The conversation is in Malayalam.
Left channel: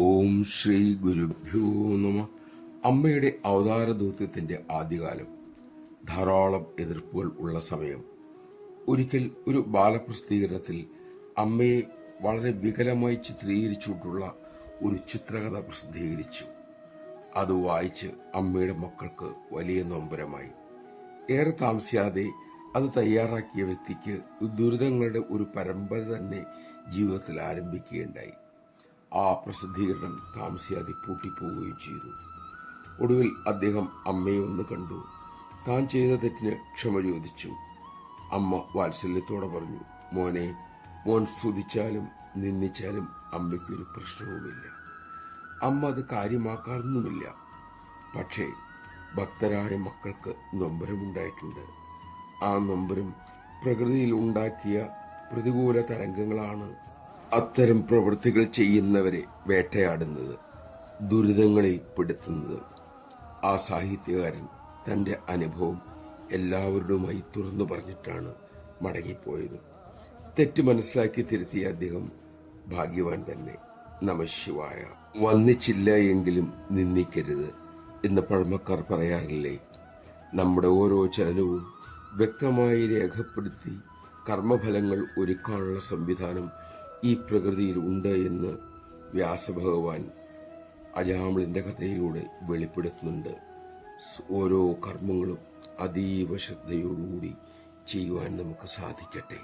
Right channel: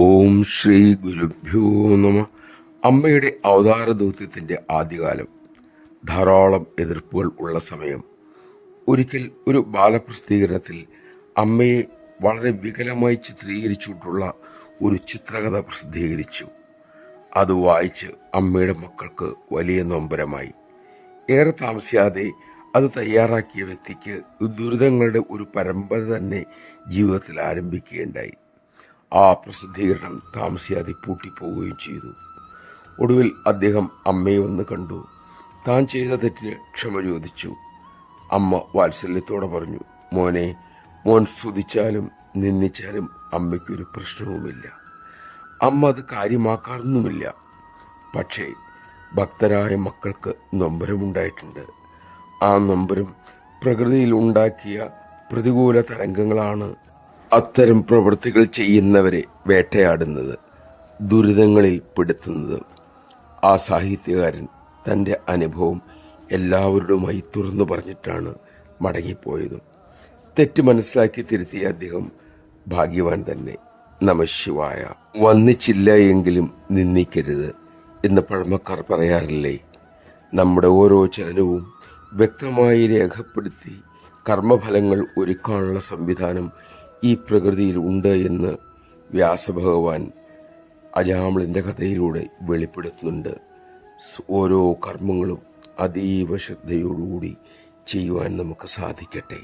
ഓം ശ്രീ ഗുരുഭ്യോ നമ. അമ്മയുടെ അവതാര ദൗത്യത്തിൻ്റെ ആദ്യകാലം. ധാരാളം എതിർപ്പുകൾ ഉള്ള സമയം. ഒരിക്കൽ ഒരു ബാലപ്രസിദ്ധീകരണത്തിൽ അമ്മയെ വളരെ വികലമായി ചിത്രീകരിച്ചിട്ടുള്ള ഒരു ചിത്രകഥ പ്രസിദ്ധീകരിച്ചു. അത് വായിച്ച് അമ്മയുടെ മക്കൾക്ക് വലിയ നൊമ്പരമായി. ഏറെ താമസിയാതെ അത് തയ്യാറാക്കിയ വ്യക്തിക്ക് ദുരിതങ്ങളുടെ ഒരു പരമ്പര തന്നെ ജീവിതത്തിൽ ആരംഭിക്കുകയുണ്ടായി. ആ പ്രസിദ്ധീകരണം താമസിയാതെ പൂട്ടിപ്പോവുകയും ചെയ്തു. ഒടുവിൽ അദ്ദേഹം അമ്മയെ ഒന്ന് കണ്ടു. താൻ ചെയ്ത തെറ്റിന് ക്ഷമ ചോദിച്ചു. അമ്മ വാത്സല്യത്തോടെ പറഞ്ഞു, മോനെ, മോൻ സ്തുതിച്ചാലും നിന്ദിച്ചാലും അമ്മയ്ക്കൊരു പ്രശ്നവുമില്ല. അമ്മ അത് കാര്യമാക്കാറൊന്നുമില്ല. പക്ഷേ ഭക്തരായ മക്കൾക്ക് നൊമ്പരമുണ്ടായിട്ടുണ്ട്. ആ നൊമ്പരം പ്രകൃതിയിൽ ഉണ്ടാക്കിയ പ്രതികൂല തരംഗങ്ങളാണ് അത്തരം പ്രവൃത്തികൾ ചെയ്യുന്നവരെ വേട്ടയാടുന്നത്, ദുരിതങ്ങളിൽ പെടുത്തുന്നത്. ആ സാഹിത്യകാരൻ തൻ്റെ അനുഭവം എല്ലാവരുടെയുമായി തുറന്നു പറഞ്ഞിട്ടാണ് മടങ്ങിപ്പോയത്. തെറ്റ് മനസ്സിലാക്കി തിരുത്തിയ അദ്ദേഹം ഭാഗ്യവാൻ തന്നെ. നമഃശിവായ. വന്നിച്ചില്ല എങ്കിലും നിന്ദിക്കരുത് എന്ന് പഴമക്കാർ പറയാറില്ലേ? നമ്മുടെ ഓരോ ചലനവും വ്യക്തമായി രേഖപ്പെടുത്തി കർമ്മഫലങ്ങൾ ഒരുക്കാനുള്ള സംവിധാനം ഈ പ്രകൃതിയിൽ ഉണ്ട് എന്ന് വ്യാസഭഗവാൻ അജാമിളിൻ്റെ കഥയിലൂടെ വെളിപ്പെടുത്തുന്നുണ്ട്. ഓരോ കർമ്മങ്ങളും അതീവ ശ്രദ്ധയോടുകൂടി ചെയ്യുവാൻ നമുക്ക് സാധിക്കട്ടെ.